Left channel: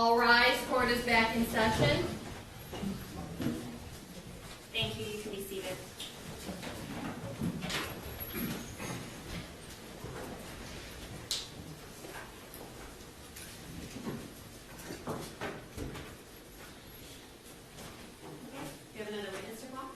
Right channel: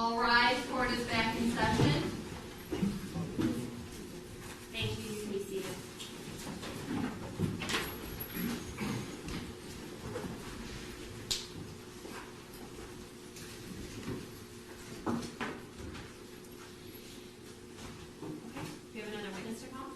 All rise, court is back in session. Thank you, you can be seated. Do you have another witness to call?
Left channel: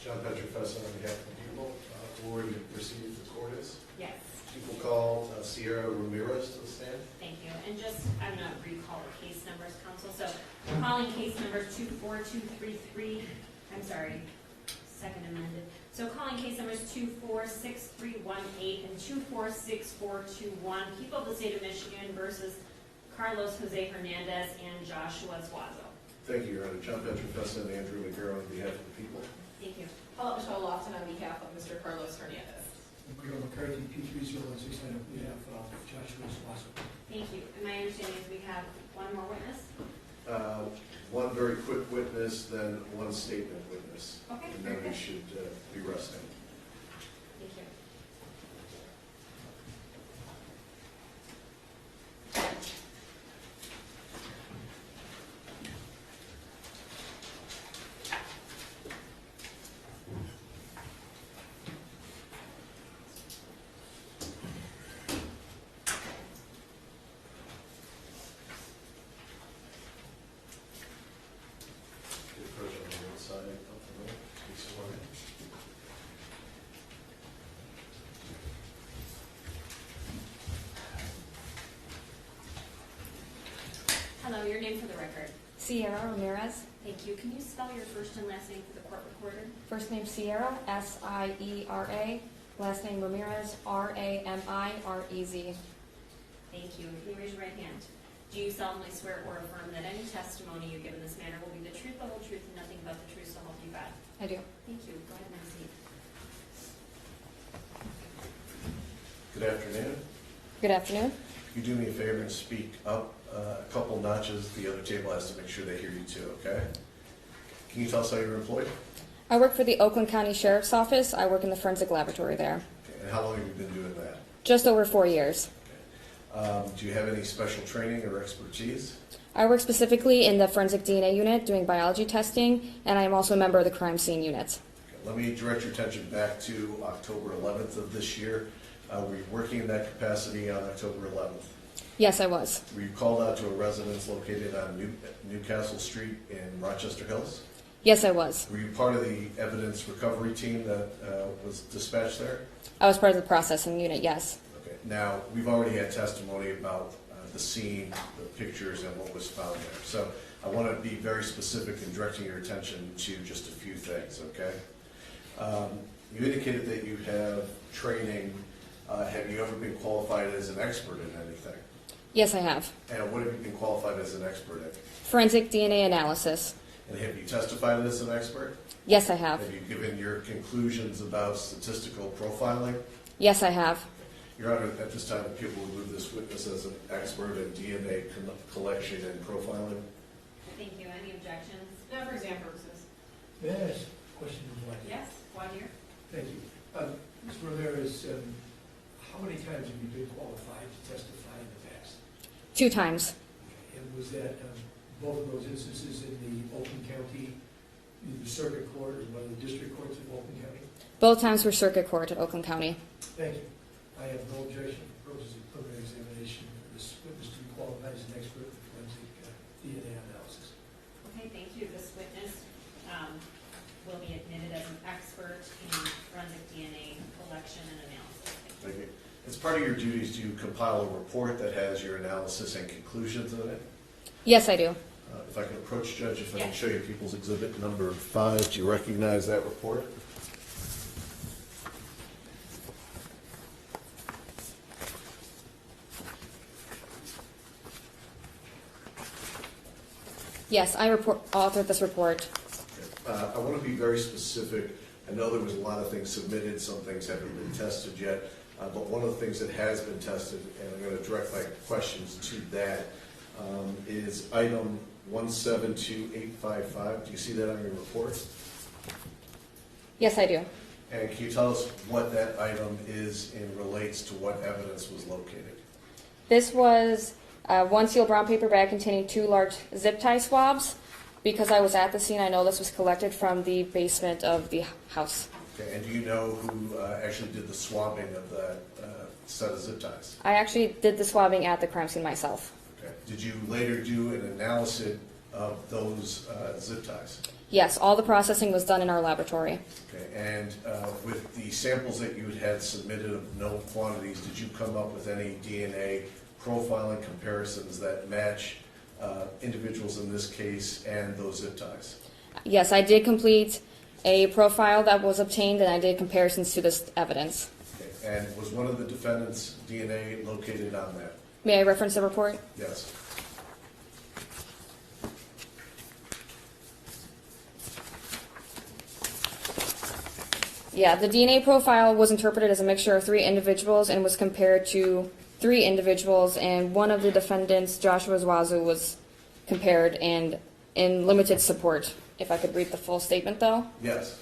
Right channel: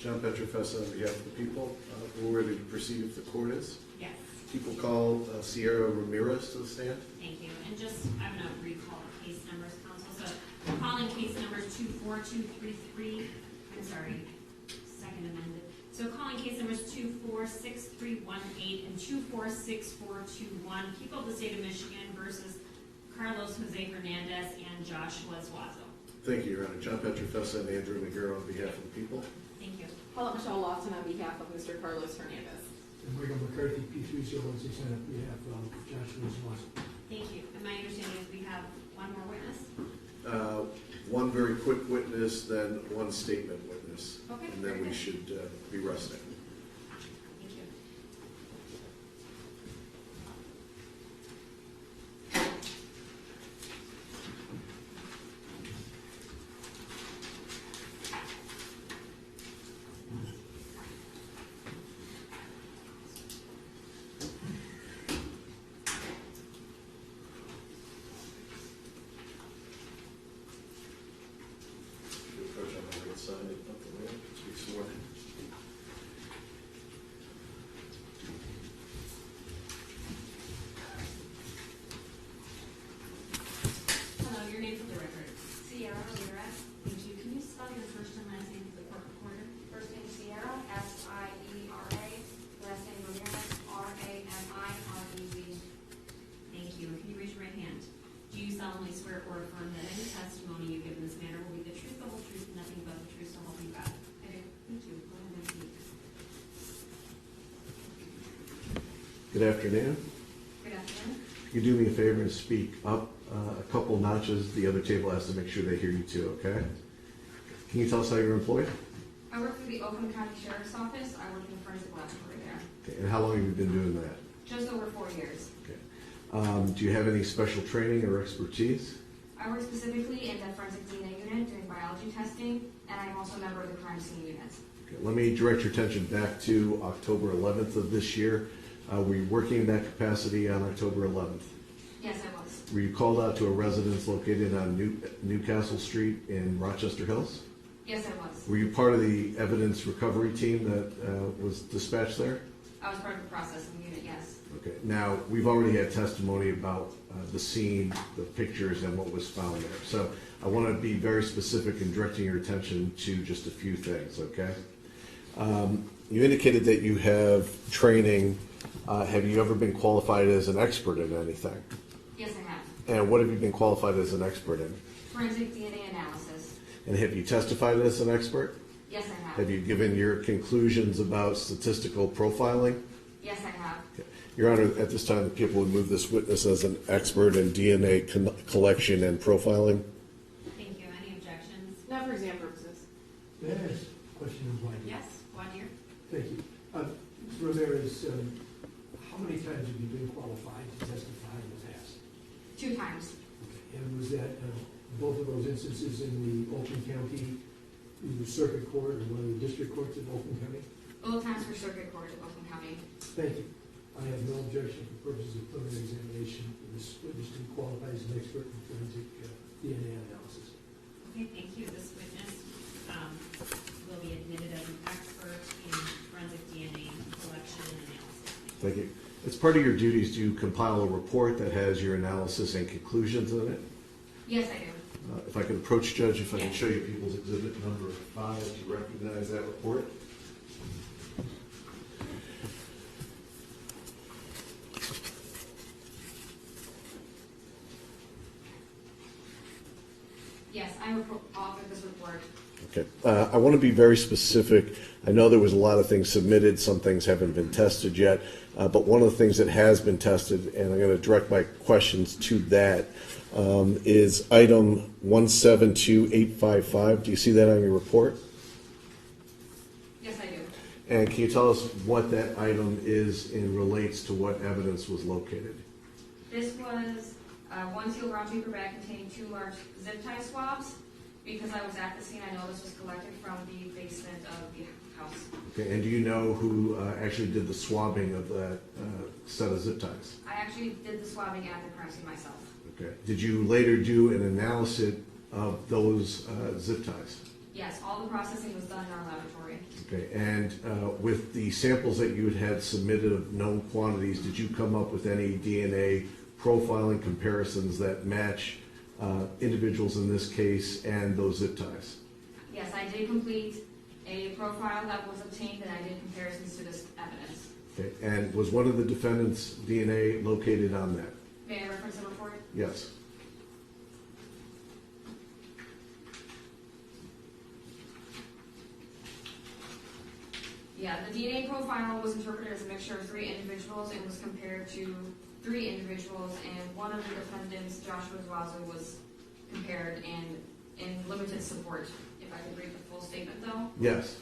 John Petrofessa on behalf of the people. We're ready to proceed if the court is. Yes, People call Sierra Ramirez to the stand. thank you. And just, I'm going to recall the case numbers, counsel. So I'm calling case numbers 24233, I'm sorry, second amended. So calling case numbers 246318 and 246421, people of the state of Michigan versus Carlos Jose Hernandez and Joshua Zuazo. Thank you, Your Honor. John Petrofessa and Andrew McGarrett on behalf of the people. Thank you. Paula Michelle Lofton on behalf of Mr. Carlos Hernandez. And Michael McCarthy, P3016, we have Joshua Swanson. Thank you. And my understanding is we have one more witness? One very quick witness, then one statement witness. Okay, And very then we good. should be resting. Thank you. You approach on the right side, up the road, please swear in. Hello, your name for the record. Sierra Ramirez. Thank you. Can you spell your first and last name for the court recorder? First name Sierra, S-I-E-R-A. Last name Ramirez, R-A-M-I-R-E-Z. Thank you. And can you raise your right hand? Do you solemnly swear or affirm that any testimony you give in this matter will be the truth, the whole truth, and nothing but the truth, so help you God? I do. Thank you. Go ahead and proceed. Good afternoon. Good afternoon. If you do me a favor and speak up a couple notches, the other table has to make sure they hear you too, okay? Can you tell us how you're employed? I work for the Oakland County Sheriff's Office. I work in the forensic laboratory there. Okay. And how long have you been doing that? Just over 4 years. Okay. Do you have any special training or expertise? I work specifically in the forensic DNA unit doing biology testing, and I am also a member of the crime scene unit. Okay. Let me direct your attention back to October 11th of this year. Were you working in that capacity on October 11th? Yes, I was. Were you called out to a residence located on Newcastle Street in Rochester Hills? Yes, I was. Were you part of the evidence recovery team that was dispatched there? I was part of the processing unit, yes. Okay. Now, we've already had testimony about the scene, the pictures, and what was found there. So I want to be very specific in directing your attention to just a few things, okay? You indicated that you have training. Have you ever been qualified as an expert in anything? Yes, I have. And what have you been qualified as an expert in? Forensic DNA analysis. And have you testified as an expert? Yes, I have. Have you given your conclusions about statistical profiling? Yes, I have. Your Honor, at this time, the people would move this witness as an expert in DNA collection and profiling. Thank you. Any objections? Not for exam purposes. May I ask a question of White? Yes. One here. Thank you. Mr. Ramirez, how many times have you been qualified to testify in the past? 2 times. And was that both of those instances in the Oakland County, either circuit court or one of the district courts of Oakland County? Both times were circuit court at Oakland County. Thank you. I have no objection for purposes of preliminary examination for this witness to be qualified as an expert in forensic DNA analysis. Okay, thank you. This witness will be admitted as an expert in forensic DNA collection and analysis. Thank you. As part of your duties, do you compile a report that has your analysis and conclusions in it? Yes, I do. If I could approach, Judge, if I Yeah. could show you People's Exhibit number 5, do you recognize that report? Yes, I authored this report. Okay. I want to be very specific. I know there was a lot of things submitted. Some things haven't been tested yet. But one of the things that has been tested, and I'm going to direct my questions to that, is item 172855. Do you see that on your report? Yes, I do. And can you tell us what that item is and relates to what evidence was located? This was One sealed brown paper bag containing 2 large zip tie swabs. Because I was at the scene, I know this was collected from the basement of the house. Okay, and do you know who actually did the swabbing of that set of zip ties? I actually did the swabbing at the crime scene myself. Okay. Did you later do an analysis of those zip ties? Yes, all the processing was done in our laboratory. Okay, and with the samples that you had submitted of known quantities, did you come up with any DNA profiling comparisons that match individuals in this case and those zip ties? Yes, I did complete a profile that was obtained, and I did comparisons to this evidence. Okay, and was one of the defendants' DNA located on that? May I reference the report? Yes. Yeah, the DNA profile was interpreted as a mixture of 3 individuals and was compared to 3 individuals, and one of the defendants, Joshua Zwazu, was compared and in limited support. If I could read the full statement, though. Yes.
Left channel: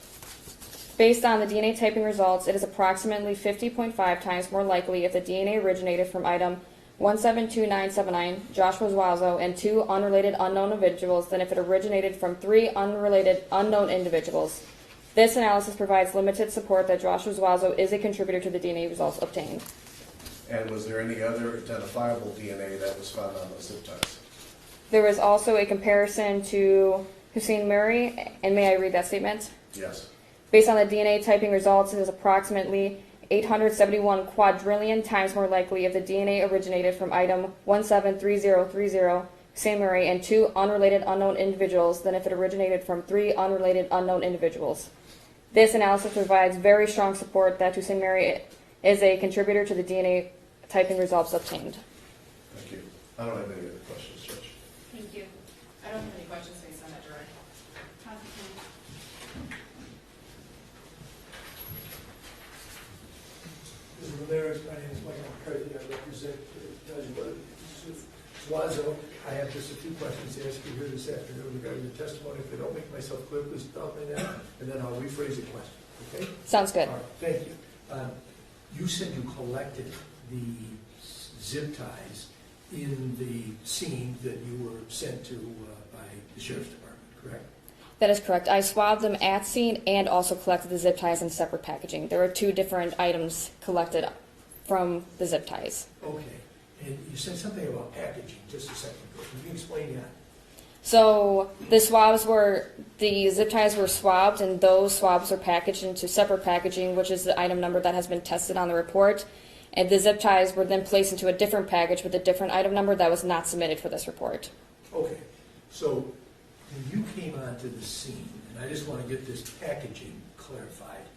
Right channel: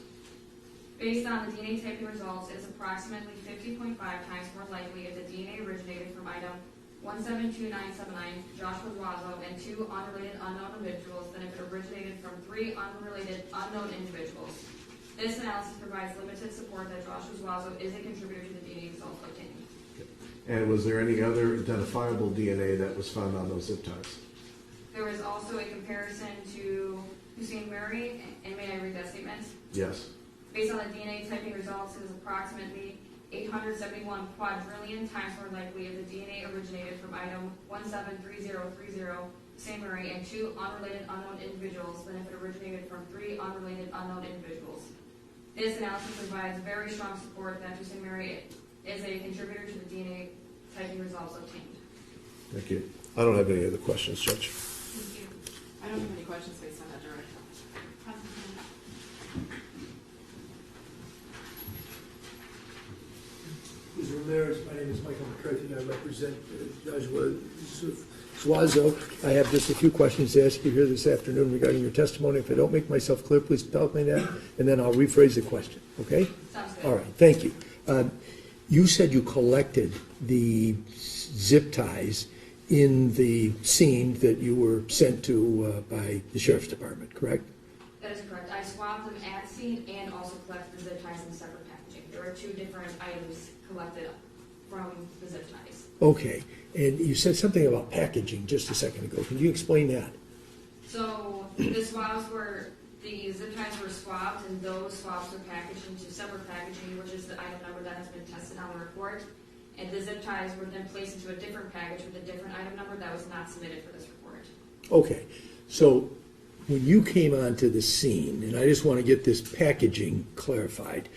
Based on the DNA typing results, it is approximately 50.5 times more likely if the DNA originated from item 172979, Joshua Zwazo, and 2 unrelated unknown individuals than if it originated from 3 unrelated unknown individuals. This analysis provides limited support that Joshua Zwazo is a contributor to the DNA results obtained. And was there any other identifiable DNA that was found on those zip ties? There was also a comparison to Hussein Murray, and may I read that statement? Yes. Based on the DNA typing results, it is approximately 871 quadrillion times more likely if the DNA originated from item 173030, Hussein Murray, and 2 unrelated unknown individuals than if it originated from 3 unrelated unknown individuals. This analysis provides very strong support that Hussein Murray is a contributor to the DNA typing results obtained. Thank you. I don't have any other questions, Judge. Thank you. I don't have any questions based on that, Gerard. Mr. Ramirez, my name is Michael McCarthy. I represent Joshua Zwazo. I have just a few questions to ask you here this afternoon regarding your testimony. If I don't make myself clear, please tell me that, and then I'll rephrase the question, okay? Sounds good. All right, thank you. You said you collected the zip ties in the scene that you were sent to by the Sheriff's Department, correct? That is correct. I swabbed them at scene and also collected the zip ties in separate packaging. There were 2 different items collected from the zip ties. Okay, and you said something about packaging just a second ago. Can you explain that? So the zip ties were swabbed, and those swabs were packaged into separate packaging, which is the item number that has been tested on the report. And the zip ties were then placed into a different package with a different item number that was not submitted for this report. Okay, so when you came onto the scene, and I just want to get this packaging clarified,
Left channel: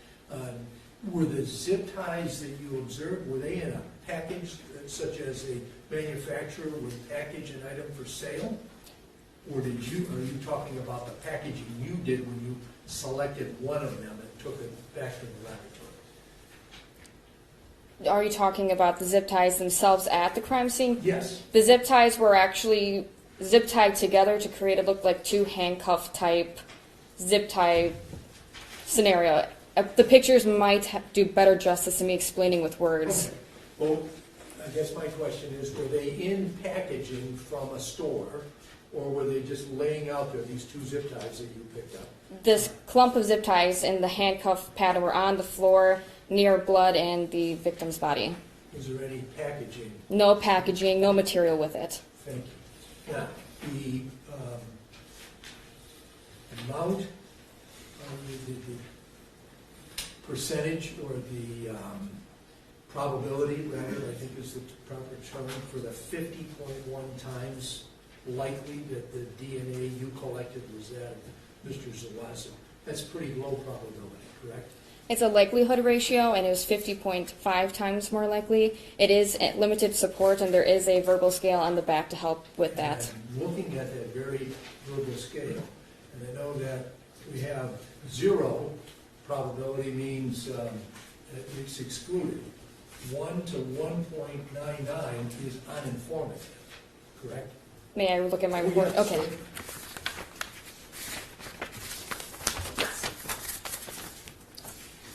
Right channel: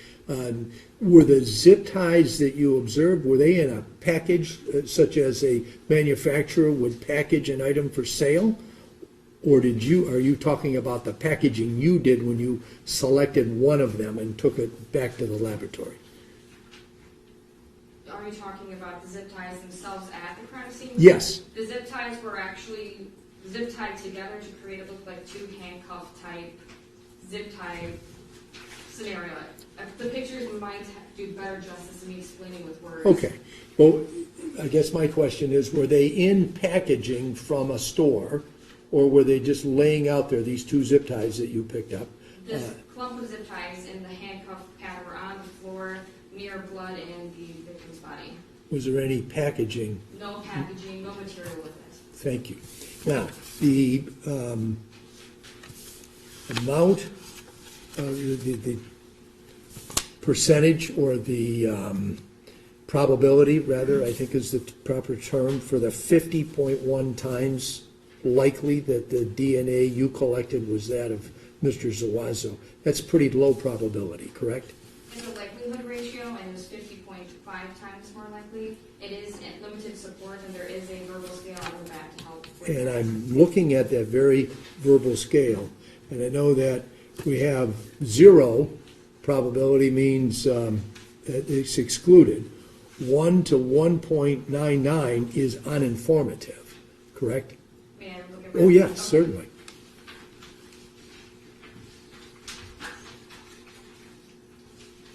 were the zip ties that you observed, were they in a package such as a manufacturer would package an item for sale? Or are you talking about the packaging you did when you selected one of them and took it back to the laboratory? Are you talking about the zip ties themselves at the crime scene? Yes. The zip ties were actually zip tied together to create it look like 2 handcuff type zip tie scenario. The pictures might do better justice to me explaining with words. Okay. Well, I guess my question is, were they in packaging from a store, or were they just laying out there, these 2 zip ties that you picked up? This clump of zip ties and the handcuff pattern were on the floor near blood and the victim's body. Was there any packaging? No packaging, no material with it. Thank you. Now, the amount, the percentage, or the probability, rather, I think is the proper term, for the 50.1 times likely that the DNA you collected was that of Mr. Zawazo. That's pretty low probability, correct? It's a likelihood ratio, and it was 50.5 times more likely. It is limited support, and there is a verbal scale on the back to help with that. And I'm looking at that very verbal scale, and I know that we have 0 probability means that it's excluded. 1 to 1.99 is uninformative, correct? May I look at my Oh, report? yes, certainly.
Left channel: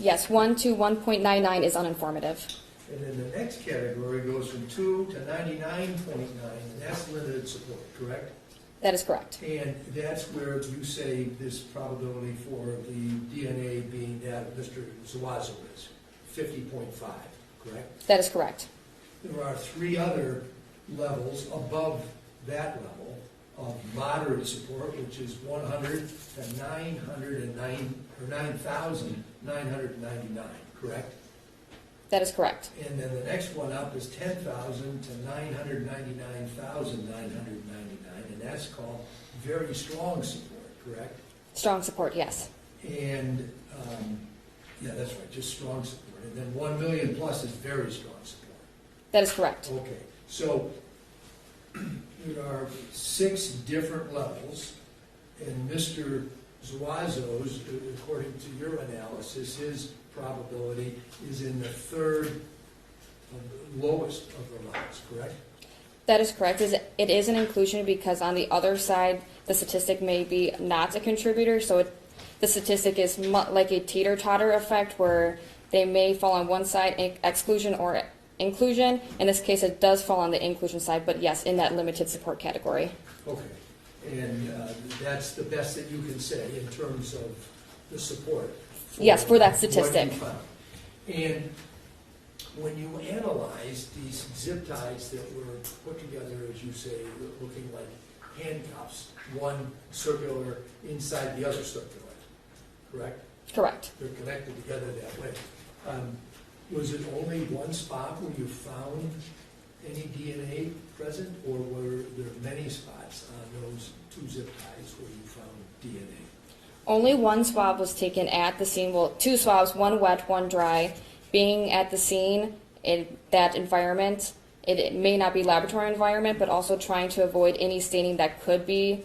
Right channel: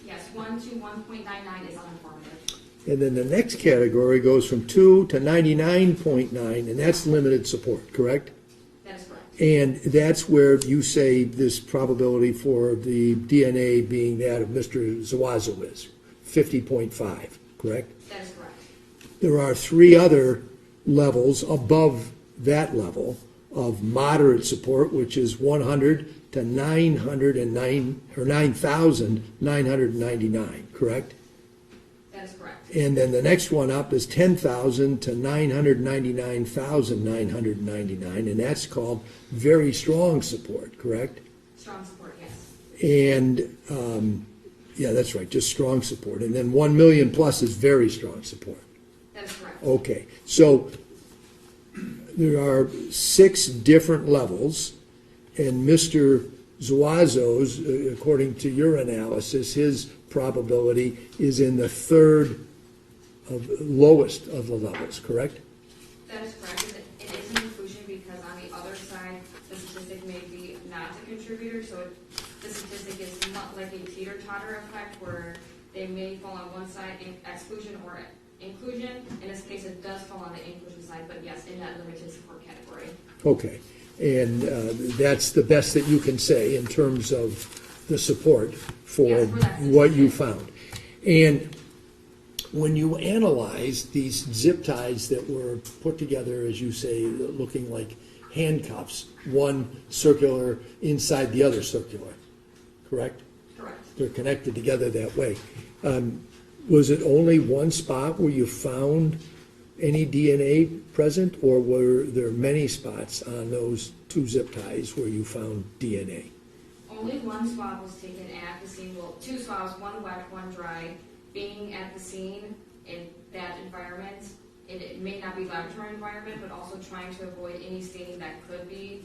Yes, 1 to 1.99 is uninformative. And then the next category goes from 2 to 99.9, and that's limited support, correct? That is correct. And that's where you say this probability for the DNA being that of Mr. Zawazo is 50.5, correct? That is correct. There are 3 other levels above that level of moderate support, which is 100 to 909 or 9,999, correct? That is correct. And then the next one up is 10,000 to 999,999, and that's called very strong support, correct? Strong support, yes. And, yeah, that's right, just strong support. And then 1 million plus is very strong support. That is correct. Okay, so there are 6 different levels, and Mr. Zuazo's, according to your analysis, his probability is in the 3rd of lowest of the levels, correct? That is correct. It is an inclusion because on the other side, the statistic may be not a contributor, so the statistic is like a teeter-totter effect where they may fall on one side, exclusion or inclusion. In this case, it does fall on the inclusion side, but yes, in that limited support category. Okay, and that's the best that you can say in terms of the support for Yes, for that what you statistic. found. And when you analyze these zip ties that were put together, as you say, looking like handcuffs, one circular inside the other circular, correct? Correct. They're connected together that way. Was it only one spot where you found any DNA present, or were there many spots on those 2 zip ties where you found DNA? Only one swab was taken at the scene, well, 2 swabs, one wet, one dry. Being at the scene in that environment, it may not be laboratory environment, but also trying to avoid any staining that could be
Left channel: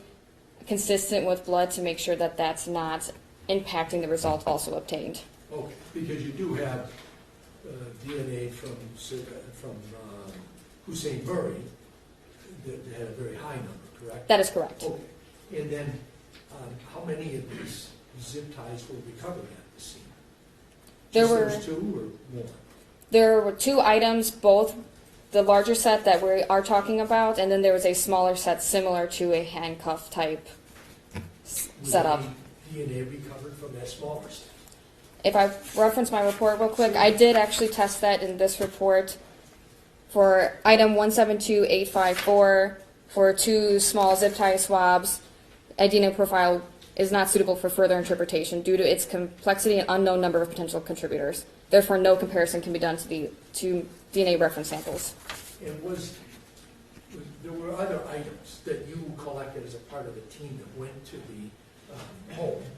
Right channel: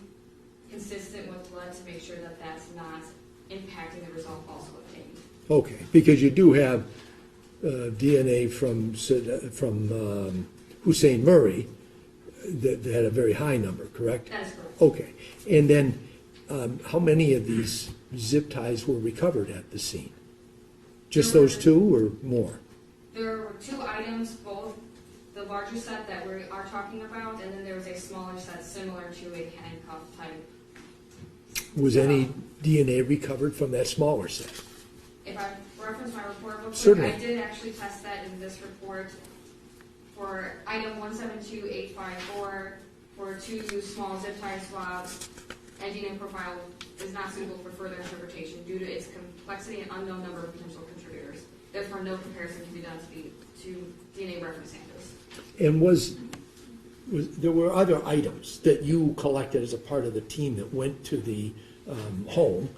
consistent with blood to make sure that that's not impacting the result also obtained. Okay, because you do have DNA from Hussein Murray that had a very high number, correct? That is correct. Okay, and then how many of these zip ties were recovered at the scene? Just There those were- 2 or more? There were 2 items, both the larger set that we are talking about, and then there was a smaller set similar to a handcuff type Was setup. any DNA recovered from that smaller set? If I reference my report real quick, Certainly. I did actually test that in this report for item 172854 for 2 small zip tie swabs. A DNA profile is not suitable for further interpretation due to its complexity and unknown number of potential contributors. Therefore, no comparison can be done to DNA reference samples. And there were other items that you collected as a part of the team that went to the home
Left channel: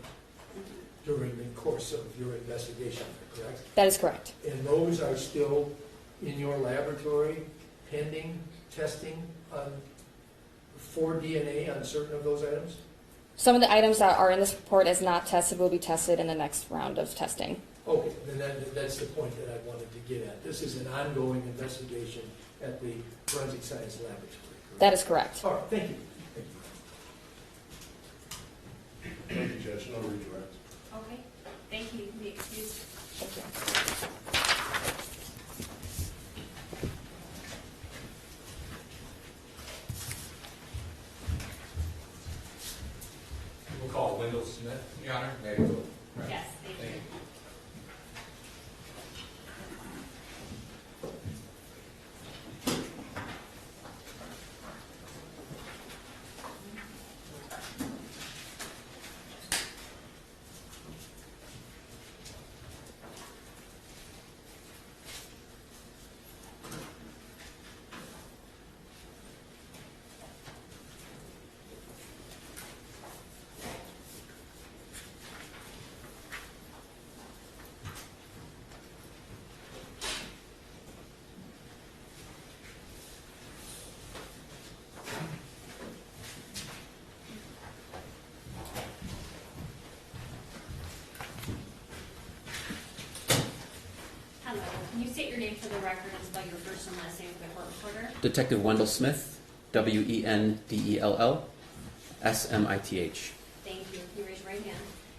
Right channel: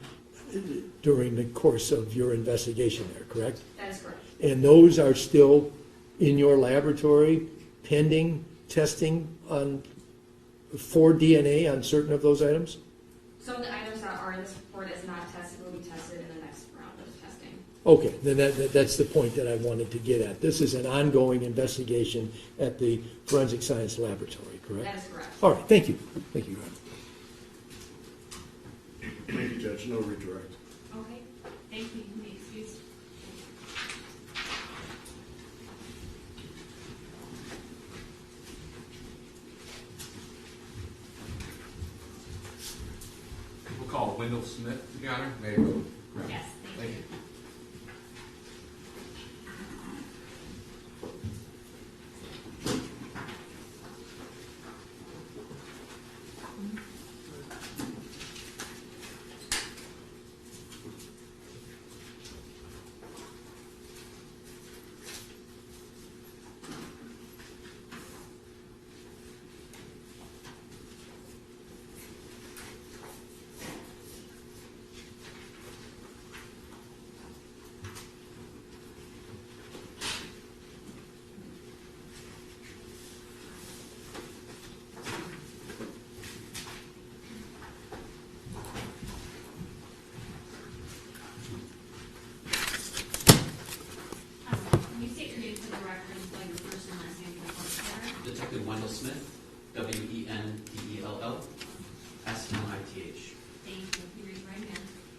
during the course of your investigation there, correct? That is correct. And those are still in your laboratory pending testing for DNA on certain of those items? Some of the items that are in this report as not tested will be tested in the next round of testing. Okay, then that's the point that I wanted to get at. This is an ongoing investigation at the Forensic Science Laboratory, correct? That is correct. All right, thank you. Thank you. Thank you, Judge, no redirect. Okay, thank you, you can be excused. Thank you. We'll call Wendell Smith, Your Honor. May I go? Correct. Yes, thank Thank you. you. Hello, can you state your name for the record and spell your first and last name for the court recorder? Detective Wendell Smith, Wendell, Smith. Thank you, can you raise your right hand?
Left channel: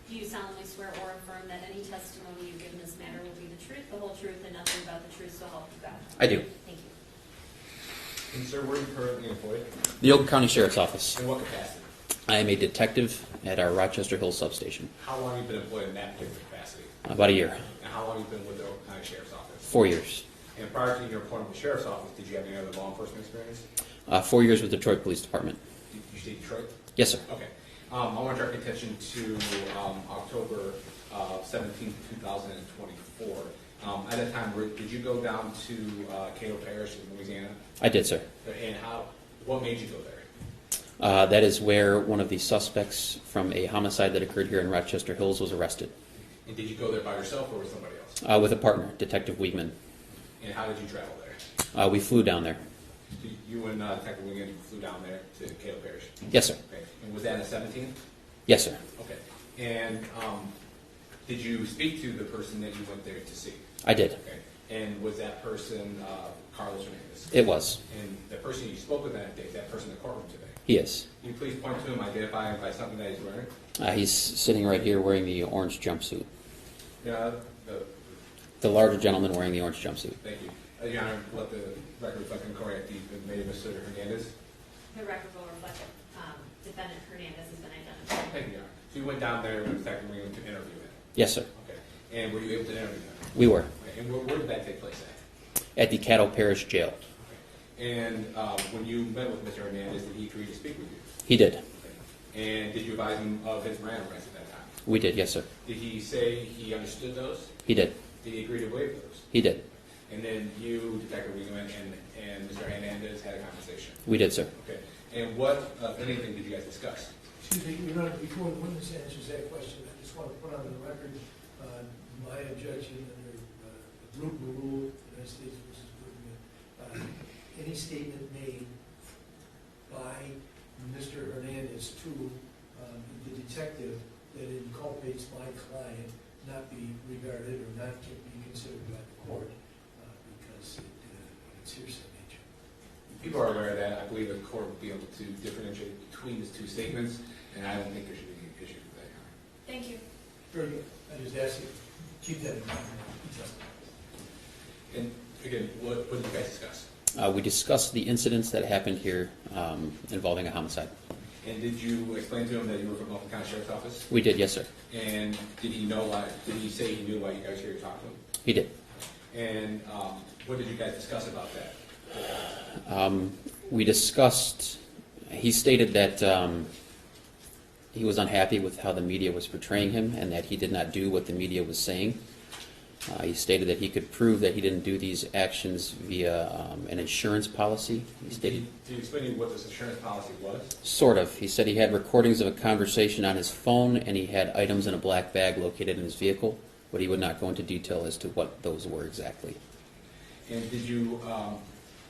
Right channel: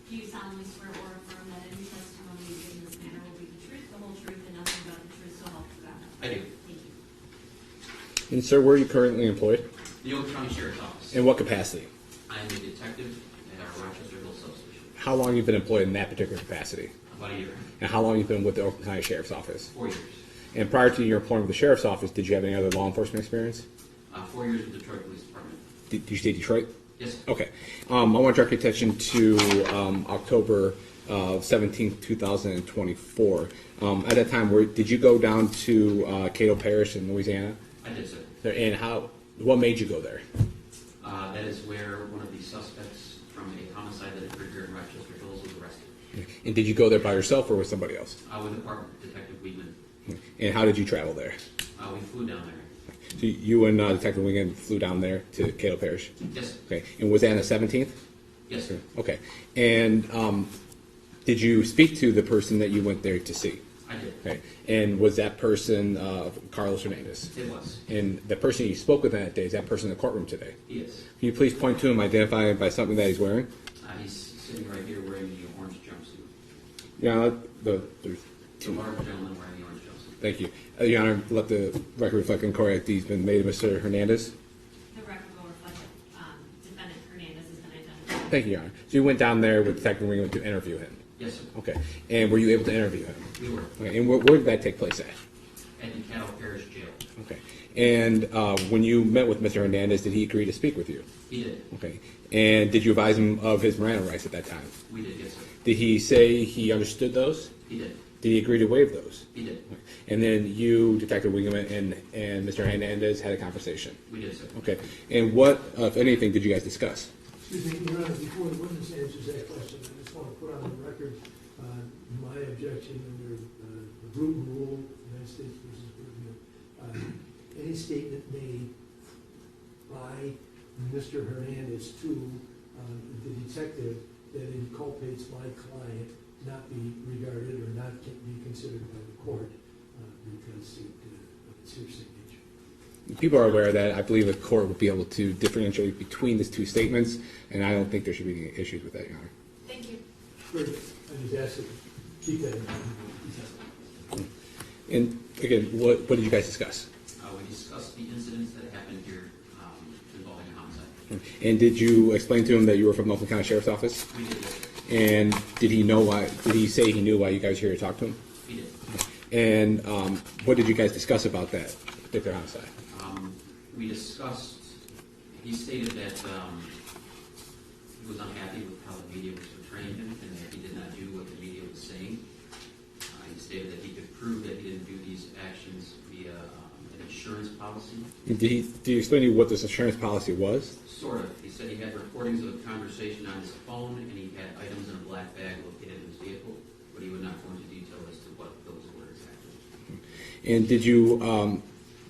Do you solemnly swear or affirm that any testimony you give in this matter will be the truth, the whole truth, and nothing but the truth, so help you God? I do. Thank you. And sir, where are you currently employed? The Oakland County Sheriff's Office. In what capacity? I am a detective at our Rochester Hills substation. How long have you been employed in that particular capacity? About a year. And how long have you been with the Oakland County Sheriff's Office? 4 years. And prior to your employment with the Sheriff's Office, did you have any other law enforcement experience? 4 years with the Detroit Police Department. Did you say Detroit? Yes, sir. Okay. I want to direct your attention to October 17th, 2024. At that time, did you go down to Cato Parish in Louisiana? I did, sir. And what made you go there? That is where one of the suspects from a homicide that occurred here in Rochester Hills was arrested. And did you go there by yourself or with somebody else? With a partner, Detective Wiegman. And how did you travel there? We flew down there. So you and Detective Wiegman flew down there to Cato Parish? Yes, sir. Okay. And was that on the 17th? Yes, sir. Okay. And did you speak to the person that you went there to see? I did. Okay. And was that person Carlos Hernandez? It was. And the person you spoke with that day, is that person in the courtroom today? He is. Can you please point to him, identify him by something that he's wearing? He's sitting right here wearing the orange jumpsuit. Yeah, The larger gentleman wearing the orange jumpsuit. thank you. Your Honor, let the record reflect and correct that he's been made Mr. Hernandez. The record will reflect that defendant Hernandez has been identified. Thank you, Your Honor. So you went down there with Detective Wiegman to interview him? Yes, sir. Okay. And were you able to interview him? We were. Okay. And where did that take place at? At the Caddo Parish Jail. Okay. And when you met with Mr. Hernandez, did he agree to speak with you? He did. Okay. And did you advise him of his Miranda rights at that time? We did, yes, sir. Did he say he understood those? He did. Did he agree to waive those? He did. And then you, Detective Wiegman, and Mr. Hernandez had a conversation? We did, sir. Okay. And what, if anything, did you guys discuss? Excuse me, Your Honor, before the witness answers that question, I just want to put on the record my objection under the Bruton Rule, United States versus Bruton, any statement made by Mr. Hernandez to the detective that inculpates my client not be regarded or not be considered by the court because it's hearsay nature. People are aware of that. I believe the court will be able to differentiate between these two statements, and I don't think there should be any issues with that, Your Honor. Thank you. Very good. I just asked you to keep that in mind. And again, what did you guys discuss? We discussed the incidents that happened here involving a homicide. And did you explain to him that you were from the Oakland County Sheriff's Office? We did, yes, sir. And did he know why? Did he say he knew why you guys were here to talk to him? He did. And what did you guys discuss about that homicide? We discussed, he stated that he was unhappy with how the media was portraying him and that he did not do what the media was saying. He stated that he could prove that he didn't do these actions via an insurance policy. Did you explain to you what this insurance policy was? Sort of. He said he had recordings of a conversation on his phone and he had items in a black bag located in his vehicle, but he would not go into detail as to what those were exactly. And did you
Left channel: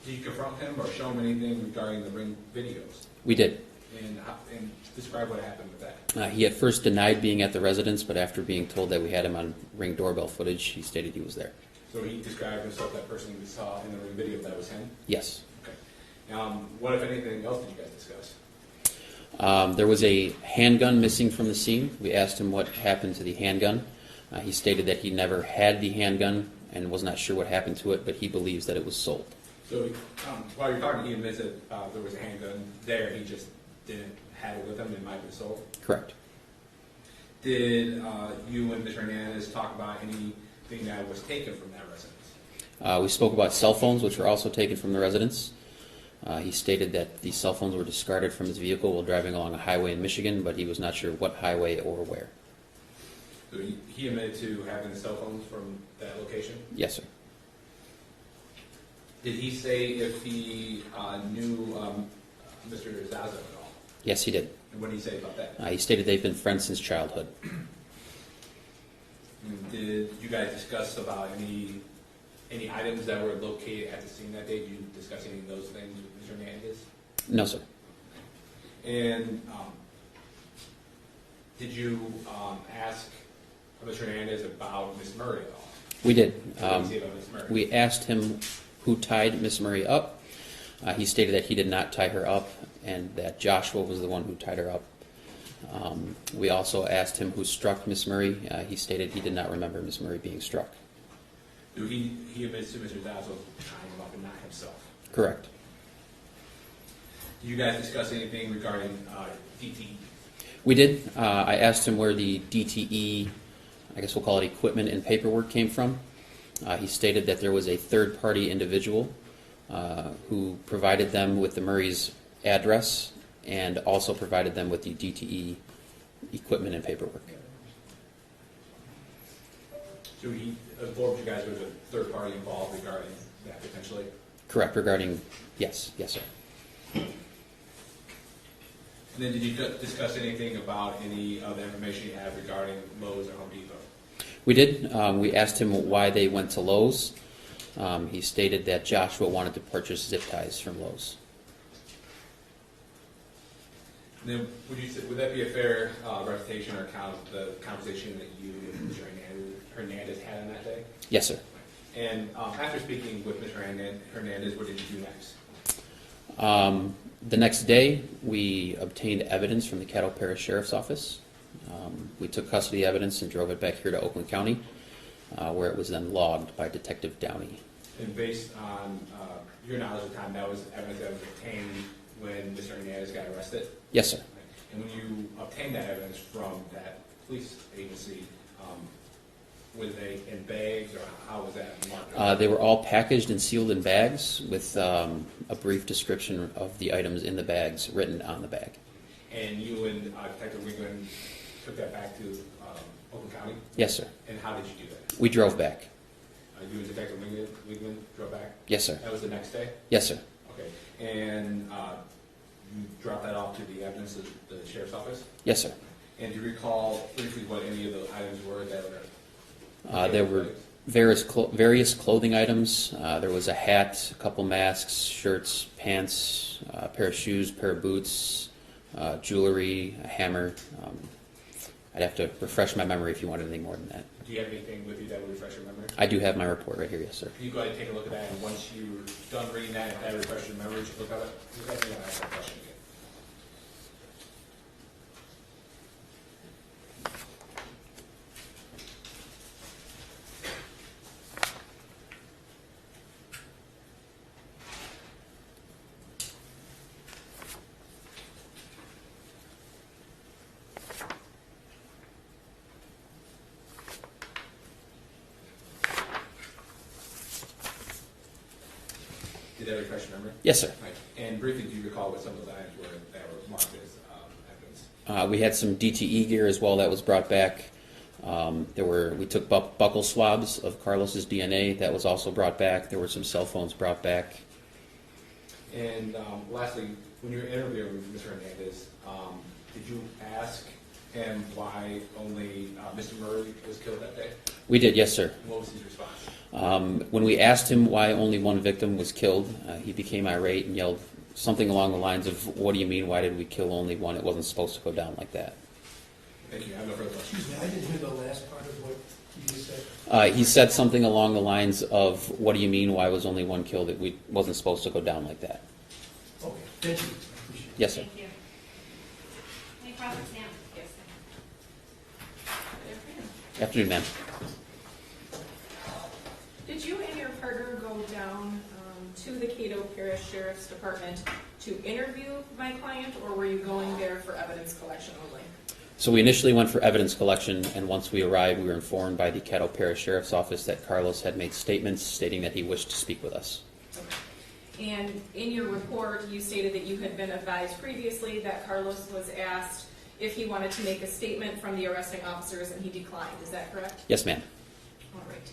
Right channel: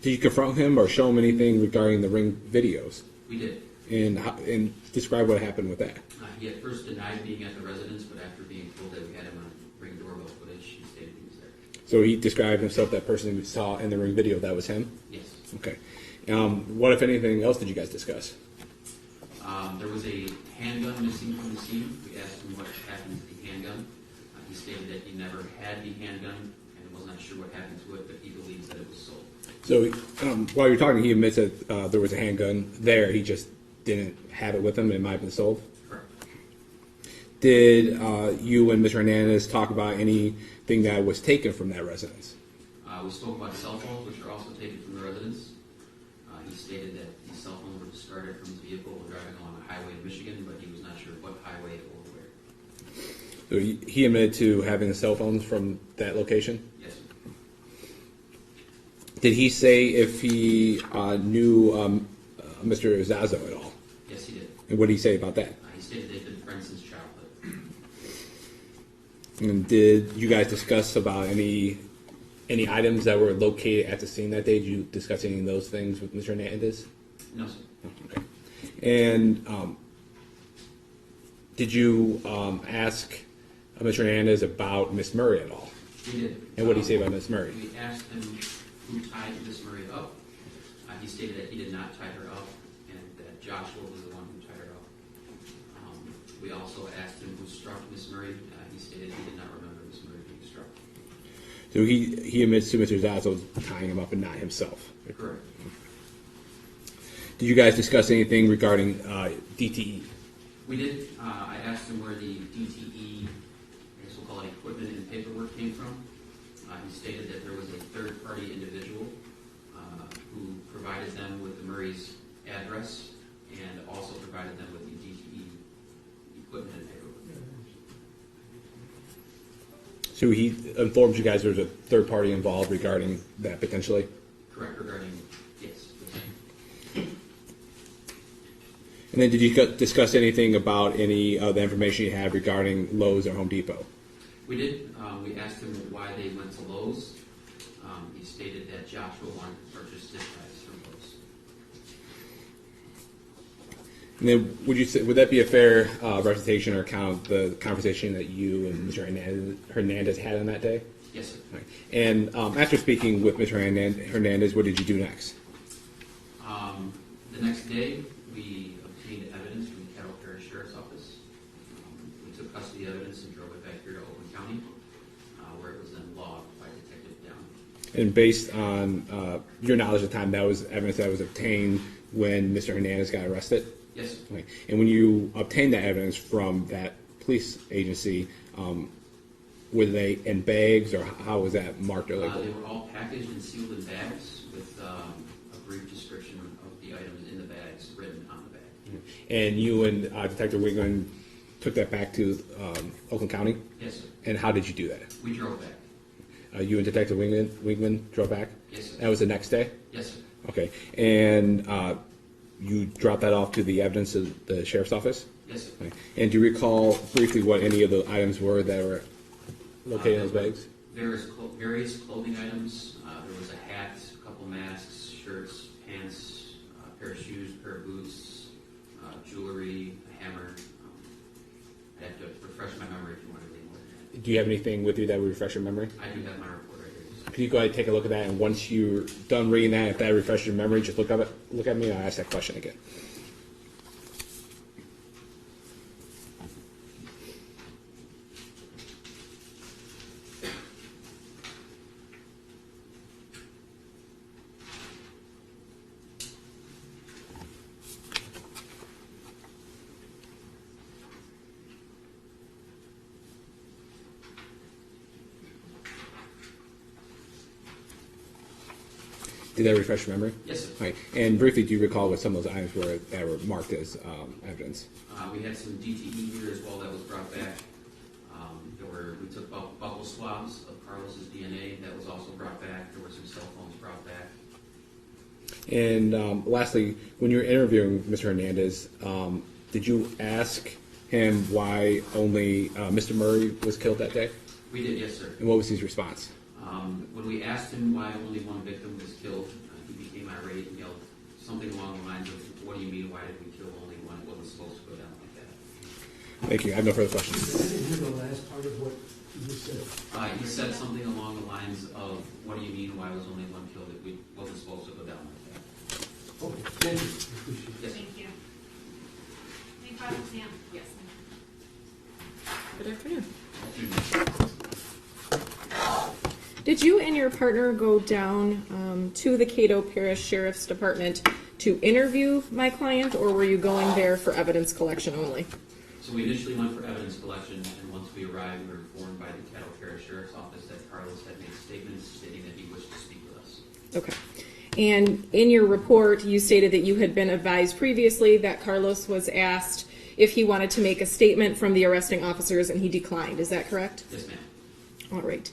confront him or show him anything regarding the Ring videos? We did. And describe what happened with that. He at first denied being at the residence, but after being told that we had him on Ring doorbell footage, he stated he was there. So he described himself, that person you saw in the Ring video, that was him? Yes. Okay. What, if anything, else did you guys discuss? There was a handgun missing from the scene. We asked him what happened to the handgun. He stated that he never had the handgun and was not sure what happened to it, but he believes that it was sold. So while you're talking, he admits that there was a handgun there. He just didn't have it with him. It might have been sold. Correct. Did you and Mr. Hernandez talk about anything that was taken from that residence? We spoke about cell phones, which were also taken from the residence. He stated that the cell phones were discarded from his vehicle while driving along a highway in Michigan, but he was not sure what highway or where. So he admitted to having the cell phones from that location? Yes, sir. Did he say if he knew Mr. Zazo at all? Yes, he did. And what did he say about that? He stated they've been friends since childhood. And did you guys discuss about any items that were located at the scene that day? Did you discuss any of those things with Mr. Hernandez? No, sir. Okay. And did you ask Mr. Hernandez about Miss Murray at all? We did. And what did he say about Miss Murray? We asked him who tied Miss Murray up. He stated that he did not tie her up and that Joshua was the one who tied her up. We also asked him who struck Miss Murray. He stated he did not remember Miss Murray being struck. So he admits to Mr. Zazo tying him up and not himself. Correct. Did you guys discuss anything regarding DTE? We did. I asked him where the DTE, I guess we'll call it equipment and paperwork, came from. He stated that there was a third-party individual who provided them with the Murray's address and also provided them with the DTE equipment and paperwork. So he informed you guys there was a third party involved regarding that potentially? Correct, regarding, yes, sir. And then did you discuss anything about any of the information you have regarding Lowe's or Home Depot? We did. We asked him why they went to Lowe's. He stated that Joshua wanted to purchase zip ties from Lowe's. And then would that be a fair representation or account of the conversation that you and Mr. Hernandez had on that day? Yes, sir. Right. And after speaking with Mr. Hernandez, what did you do next? The next day, we obtained evidence from the Caddo Parish Sheriff's Office. We took custody evidence and drove it back here to Oakland County, where it was then logged by Detective Downey. And based on your knowledge at the time, that was evidence that was obtained when Mr. Hernandez got arrested? Yes, sir. Right. And when you obtained that evidence from that police agency, were they in bags or how was that marked over? They were all packaged and sealed in bags with a brief description of the items in the bags written on the bag. And you and Detective Wigman took that back to Oakland County? Yes, sir. And how did you do that? We drove back. You and Detective Wigman drove back? Yes, sir. That was the next day? Yes, sir. Okay. And you dropped that off to the evidence of the sheriff's office? Yes, sir. Okay. And do you recall briefly what any of the items were that were located There in were bags? various clothing items. There was a hat, a couple masks, shirts, pants, a pair of shoes, pair of boots, jewelry, a hammer. I'd have to refresh my memory if you want anything more than that. Do you have anything with you that would refresh your memory? I do have my report right here, yes, sir. Can you go ahead and take a look at that, and once you're done reading that, if that refreshes your memory, just look at me and I'll ask that question again. Did that refresh your memory? Yes, sir. Right. And briefly, do you recall what some of those items were that were marked as evidence? We had some DTE gear as well that was brought back. We took buckle swabs of Carlos's DNA. That was also brought back. There were some cell phones brought back. And lastly, when you were interviewing Mr. Hernandez, did you ask him why only Mr. Murray was killed that day? We did, yes, sir. And what was his response? When we asked him why only one victim was killed, he became irate and yelled something along the lines of, "What do you mean, why did we kill only one? It wasn't supposed to go down like that." Thank you. I have no further questions. I didn't hear the last part of what you just said. He said something along the lines of, "What do you mean, why was only one killed? It wasn't supposed to go down like that." Okay, thank you. Appreciate it. Yes, sir. Thank you. Any questions, Sam? Yes. Good afternoon. Afternoon, ma'am. Did you and your partner go down to the Caddo Parish Sheriff's Department to interview my client, or were you going there for evidence collection only? So we initially went for evidence collection, and once we arrived, we were informed by the Caddo Parish Sheriff's Office that Carlos had made statements stating that he wished to speak with us. Okay. And in your report, you stated that you had been advised previously that Carlos was asked if he wanted to make a statement from the arresting officers, and he declined. Is that correct? Yes, ma'am. All right.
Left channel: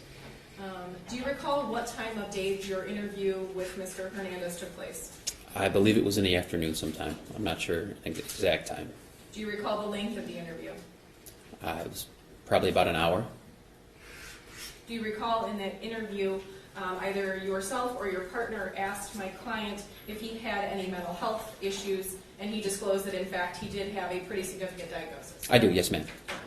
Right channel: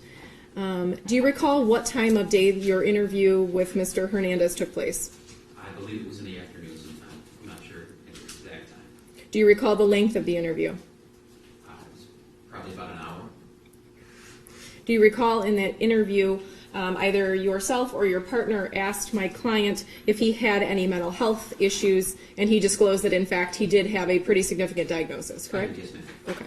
Do you recall what time of day your interview with Mr. Hernandez took place? I believe it was in the afternoon sometime. I'm not sure the exact time. Do you recall the length of the interview? It was probably about an hour. Do you recall in that interview, either yourself or your partner asked my client if he had any mental health issues, and he disclosed that in fact he did have a pretty significant diagnosis? I Correct? do, yes, ma'am. Okay.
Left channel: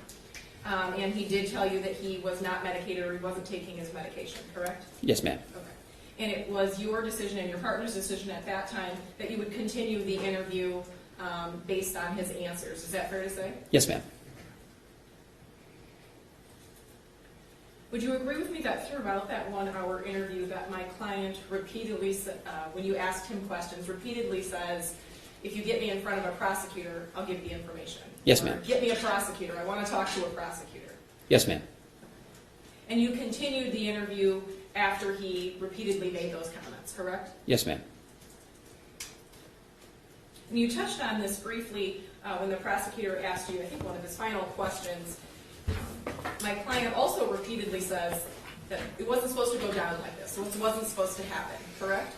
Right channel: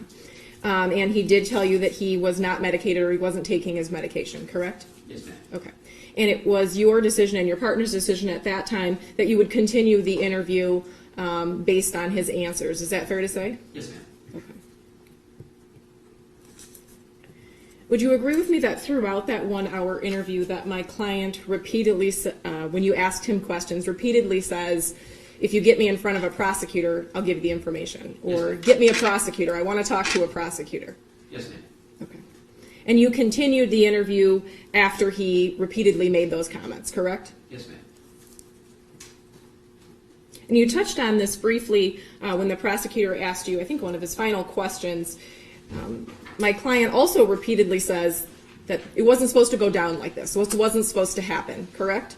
And he did tell you that he was not medicated or he wasn't taking his medication, correct? Yes, ma'am. Okay. And it was your decision and your partner's decision at that time that you would continue the interview based on his answers. Is that fair to say? Yes, ma'am. Would you agree with me that throughout that 1 hour interview that my client repeatedly, when you asked him questions, repeatedly says, if you get me in front of a prosecutor, I'll give you the information. Yes, or ma'am. get me a prosecutor, I want to talk to a prosecutor. Yes, ma'am. Okay. And you continued the interview after he repeatedly made those comments, correct? Yes, ma'am. And you touched on this briefly when the prosecutor asked you, I think one of his final questions. My client also repeatedly says that it wasn't supposed to go down like this. It wasn't supposed to happen, correct?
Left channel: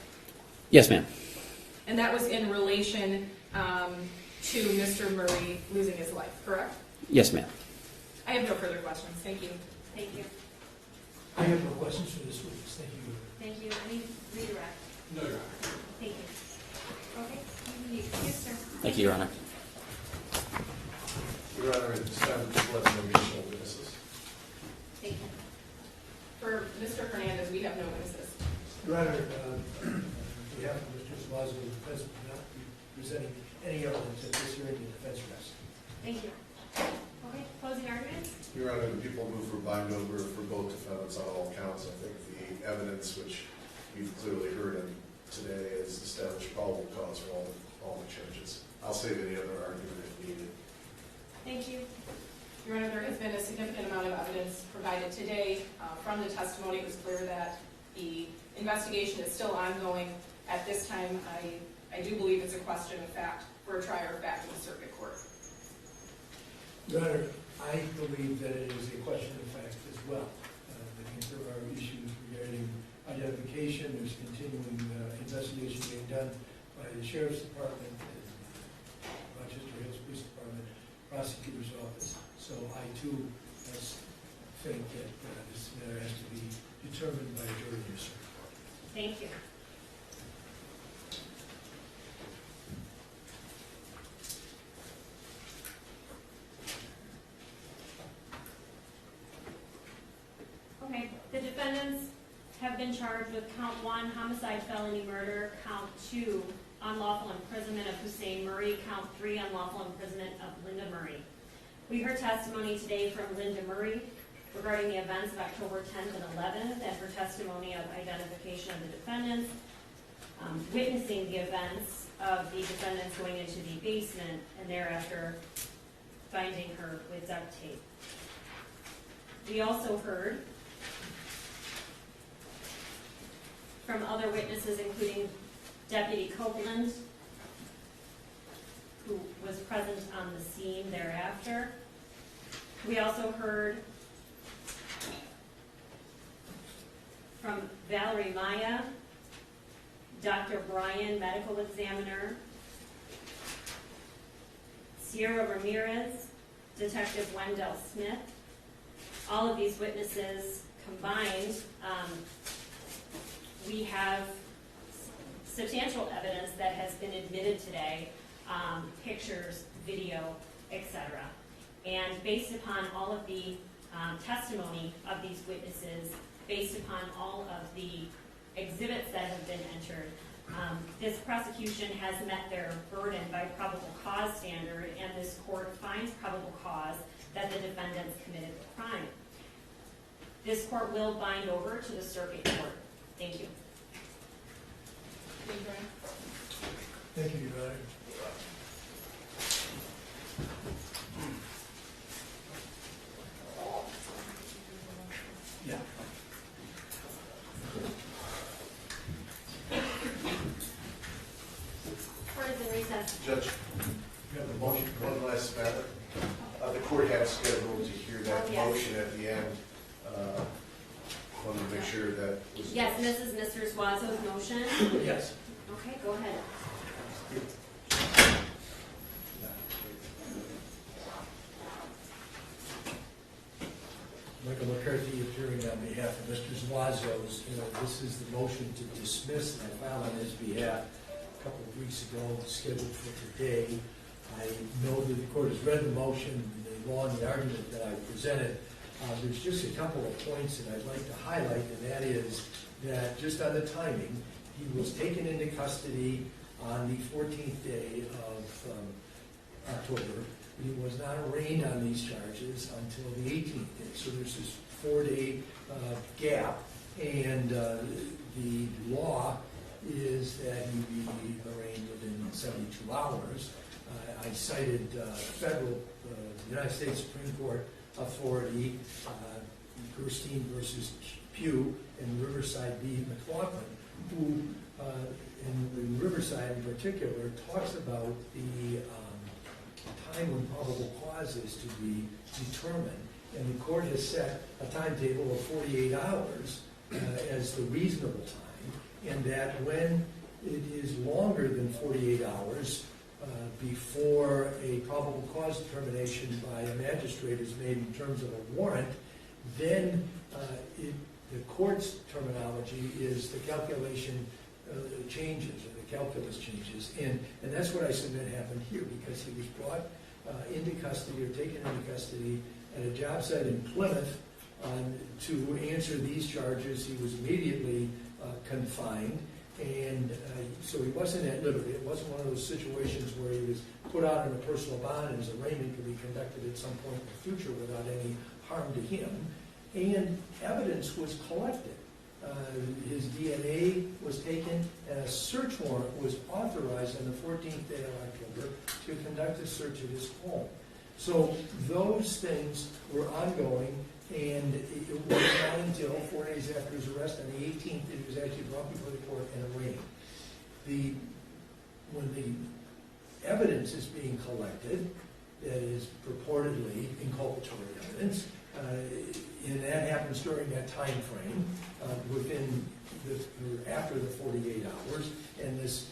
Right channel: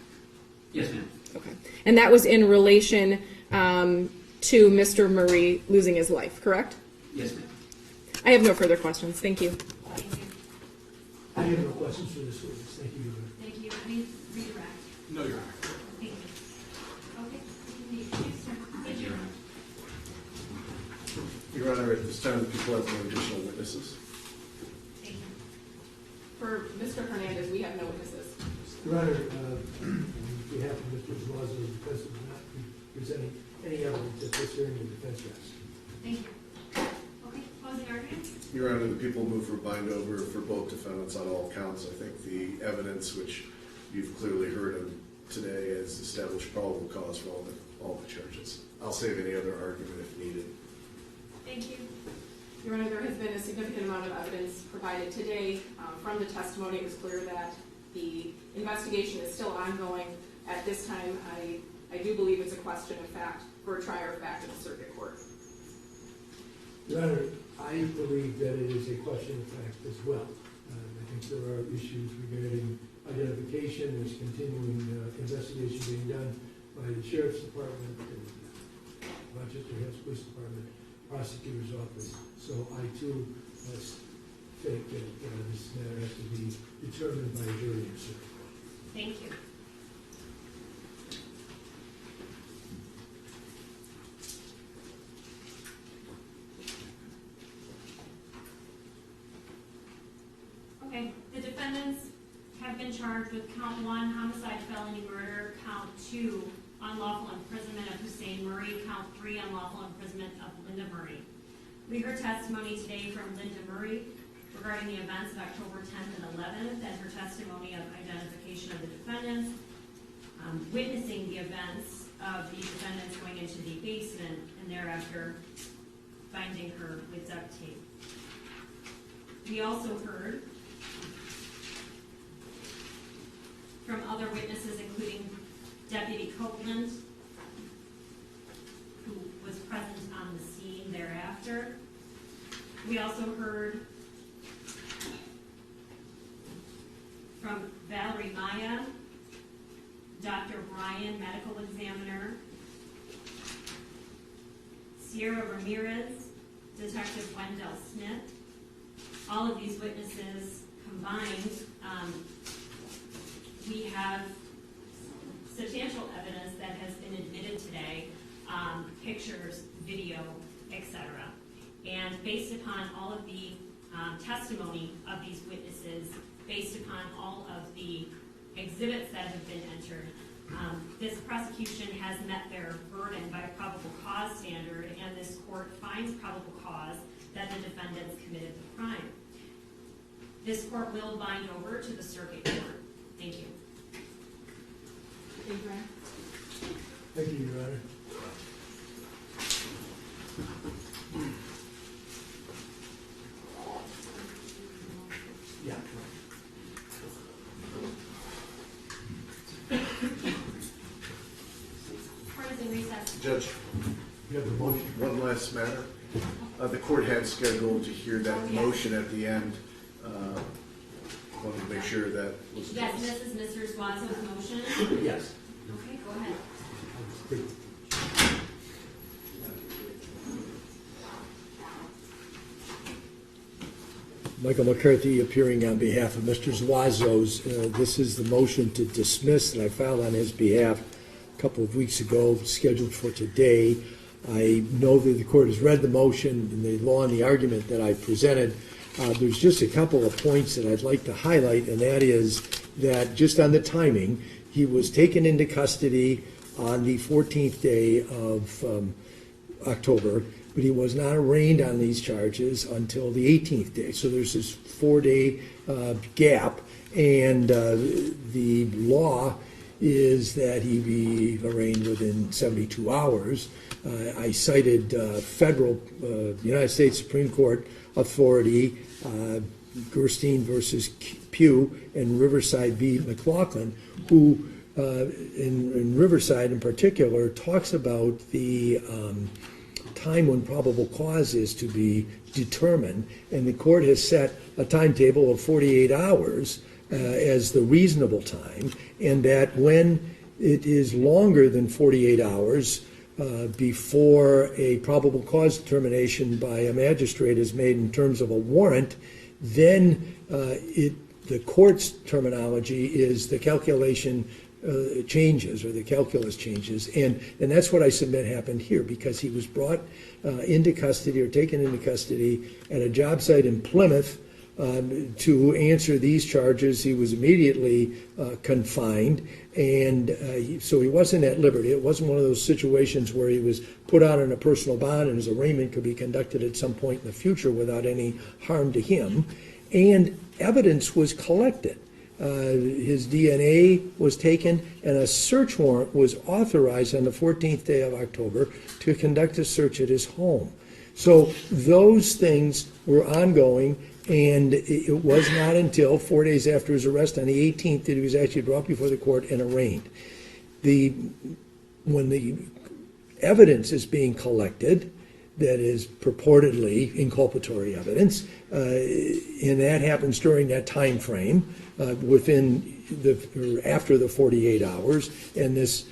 Yes, ma'am. Okay. And that was in relation to Mr. Murray losing his life, correct? Yes, ma'am. I have no further questions. Thank you. Thank you. I have no questions for this witness. Thank you. Thank you. Redirect. No, Your Honor. Thank you. Okay, you, sir. Thank you, Your Honor. Your Honor, at this time, people have no additional witnesses. Thank you. For Mr. Hernandez, we have no witnesses. Your Honor, on behalf of Mr. Suazo, the defense will not be presenting any evidence at this hearing. The defense rests. Thank you. Okay, closing argument? Your Honor, the people move for bind over for both defendants on all counts. I think the evidence, which you've clearly heard of today, has established probable cause for all the charges. I'll save any other argument if needed. Thank you. Your Honor, there has been a significant amount of evidence provided today. From the testimony, it was clear that the investigation is still ongoing. At this time, I do believe it's a question of fact for a trier of fact in the circuit court. Your Honor, I believe that it is a question of fact as well. I think there are issues regarding identification. There's continuing investigation being done by the Sheriff's Department, Rochester Hills Police Department, Prosecutor's Office. So I too think that this matter has to be determined by a jury in circuit court. Thank you. Okay, the defendants have been charged with count 1, homicide, felony murder, count 2, unlawful imprisonment of Hussein Murray, count 3, unlawful imprisonment of Linda Murray. We heard testimony today from Linda Murray regarding the events of October 10th and 11th and her testimony of identification of the defendants, witnessing the events of the defendants going into the basement and thereafter finding her with duct tape. We also heard from other witnesses, including Deputy Copeland, who was present on the scene thereafter. We also heard from Valerie Maya, Dr. Brian, medical examiner, Sierra Ramirez, Detective Wendell Smith. All of these witnesses combined, we have substantial evidence that has been admitted today, pictures, video, etc. And based upon all of the testimony of these witnesses, based upon all of the exhibits that have been entered, this prosecution has met their burden by probable cause standard, and this court finds probable cause that the defendants committed the crime. This court will bind over to the circuit court. Thank you. Thank you, Brian. Thank you, Your Honor. Yeah. Court is in recess. Judge, You have the motion. one last matter. The court had scheduled to hear that Oh, yes. motion at the end. Wanted to make sure that was. Yes, and this is Mr. Suazo's motion. Yes. Okay, go ahead. Michael McCarthy appearing on behalf of Mr. Zuazo's. This is the motion to dismiss that I filed on his behalf a couple of weeks ago, scheduled for today. I know that the court has read the motion and the law and the argument that I presented. There's just a couple of points that I'd like to highlight, and that is that just on the timing, he was taken into custody on the 14th day of October, but he was not arraigned on these charges until the 18th day. So there's this 4-day gap, and the law is that he be arraigned within 72 hours. I cited federal United States Supreme Court authority, Gerstein versus Pugh and Riverside v. McLaughlin, who in Riverside in particular talks about the time when probable cause is to be determined, and the court has set a timetable of 48 hours as the reasonable time, and that when it is longer than 48 hours before a probable cause determination by a magistrate is made in terms of a warrant, then the court's terminology is the calculation changes, or the calculus changes, and that's what I submit happened here, because he was brought into custody or taken into custody at a job site in Plymouth to answer these charges. He was immediately confined, and so he wasn't at liberty. It wasn't one of those situations where he was put out on a personal bond and his arraignment could be conducted at some point in the future without any harm to him. And evidence was collected. His DNA was taken, and a search warrant was authorized on the 14th day of October to conduct a search at his home. So those things were ongoing, and it was not until 4 days after his arrest on the 18th that he was actually brought before the court and arraigned. When the evidence is being collected, that is purportedly inculpatory evidence, and that happens during that time frame, within or after the 48 hours, and this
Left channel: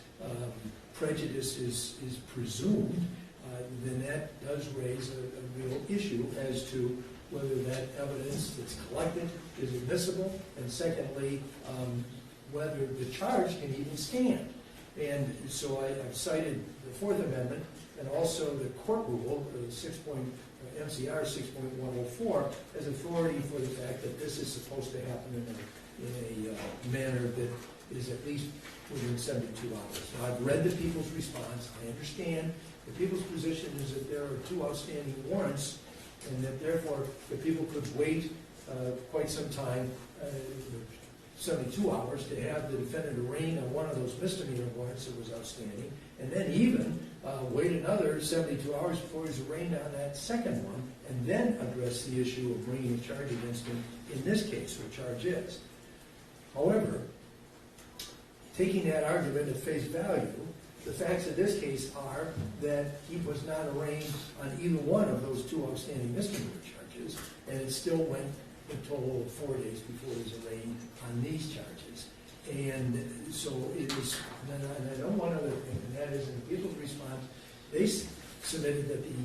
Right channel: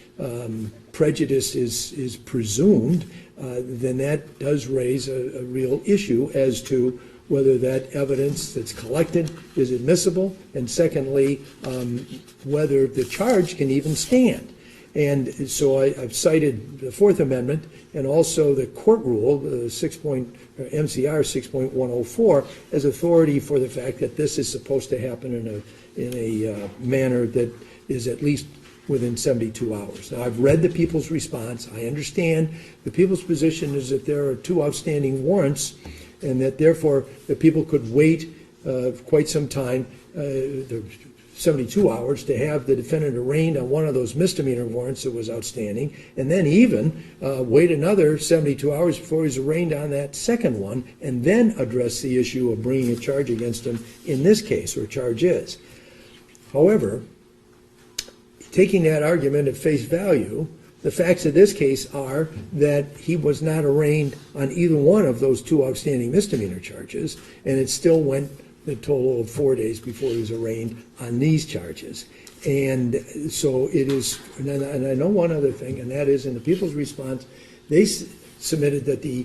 prejudice is presumed, then that does raise a real issue as to whether that evidence that's collected is admissible, and secondly, whether the charge can even stand. And so I've cited the Fourth Amendment and also the court rule, MCR 6.104, as authority for the fact that this is supposed to happen in a manner that is at least within 72 hours. Now, I've read the people's response. I understand the people's position is that there are 2 outstanding warrants, and that therefore the people could wait quite some time, 72 hours, to have the defendant arraigned on one of those misdemeanor warrants that was outstanding, and then even wait another 72 hours before he's arraigned on that second one, and then address the issue of bringing a charge against him in this case, or charges. However, taking that argument at face value, the facts of this case are that he was not arraigned on either one of those 2 outstanding misdemeanor charges, and it still went the total of 4 days before he was arraigned on these charges. And so it is, and I know one other thing, and that is in the people's response, they submitted that the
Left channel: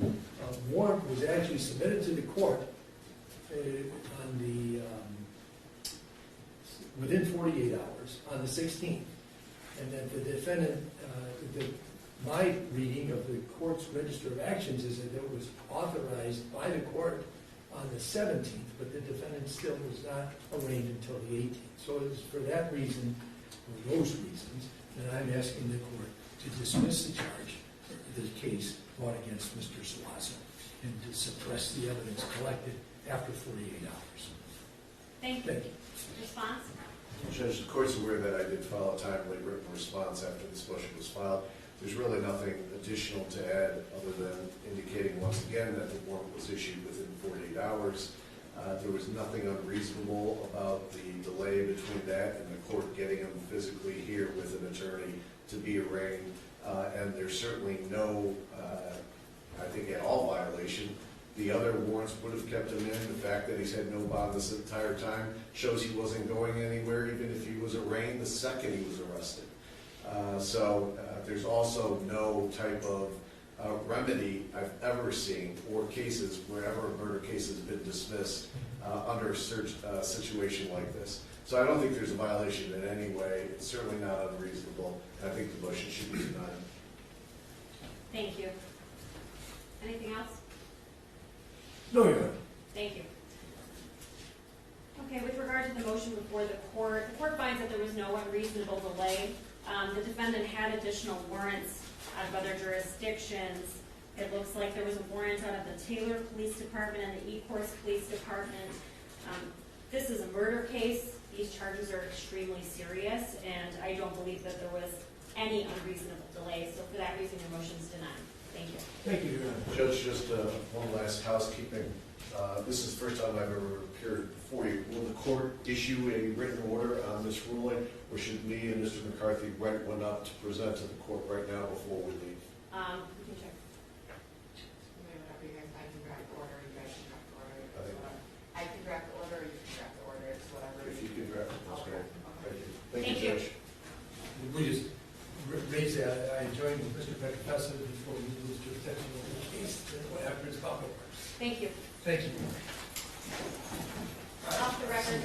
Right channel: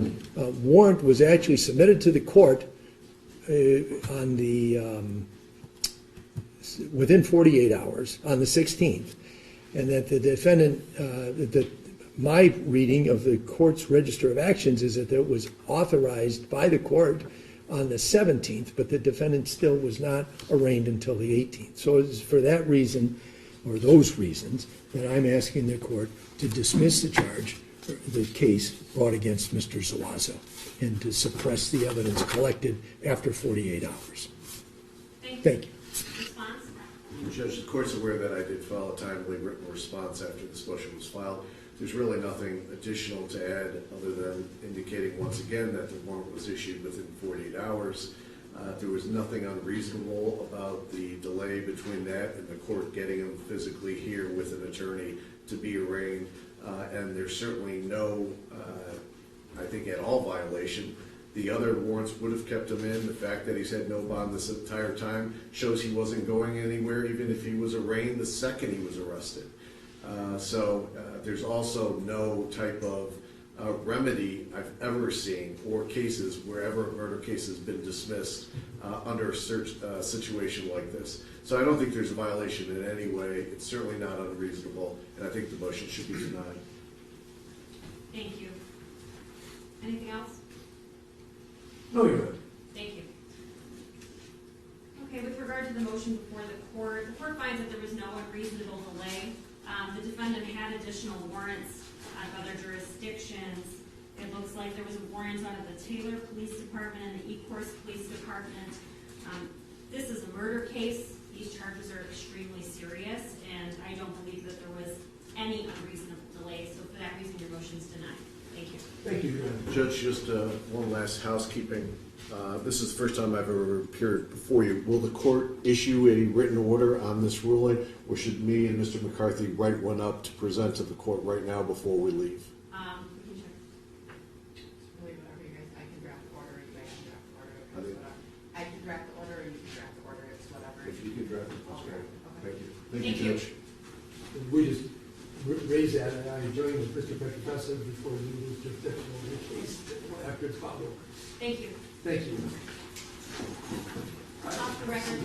warrant was actually submitted to the court on the within 48 hours on the 16th, and that the defendant, my reading of the court's register of actions is that it was authorized by the court on the 17th, but the defendant still was not arraigned until the 18th. So it's for that reason, or those reasons, that I'm asking the court to dismiss the charge, the case brought against Mr. Zuazo, and to suppress the evidence collected after 48 hours. Thank Thank you. you. Response? Judge, the court's aware that I did file a timely written response after this motion was filed. There's really nothing additional to add other than indicating once again that the warrant was issued within 48 hours. There was nothing unreasonable about the delay between that and the court getting him physically here with an attorney to be arraigned. And there's certainly no, I think, at all violation. The other warrants would have kept him in. The fact that he's had no bond this entire time shows he wasn't going anywhere, even if he was arraigned the second he was arrested. So there's also no type of remedy I've ever seen for cases wherever a murder case has been dismissed under a search situation like this. So I don't think there's a violation in any way. It's certainly not unreasonable, and I think the motion should be denied. Thank you. Anything else? No, Your Honor. Thank you. Okay, with regard to the motion before the court finds that there was no unreasonable delay The defendant had additional warrants out of other jurisdictions. It looks like there was a warrant out of the Taylor Police Department and the Ecorse Police Department. This is a murder case. These charges are extremely serious, and I don't believe that there was any unreasonable delay. So for that reason, your motion's denied. Thank you. Thank you, Your Honor. Judge, just one last housekeeping. This is the first time I've ever appeared before you. Will the court issue a written order on this ruling, or should me and Mr. McCarthy write one up to present to the court right now before we leave? We can check. Whatever you guys, I can draft the order, you guys can draft the order. I think- Whatever. I can draft the order, or you can draft the order, it's whatever. If you could draft it, that's great. Okay. Thank you. Thank Thank you, you. Judge. We just raised that, I joined with Mr. Petrofessa before you lose jurisdiction over the case, after it's filed over. Thank you. Thank you. Off the record.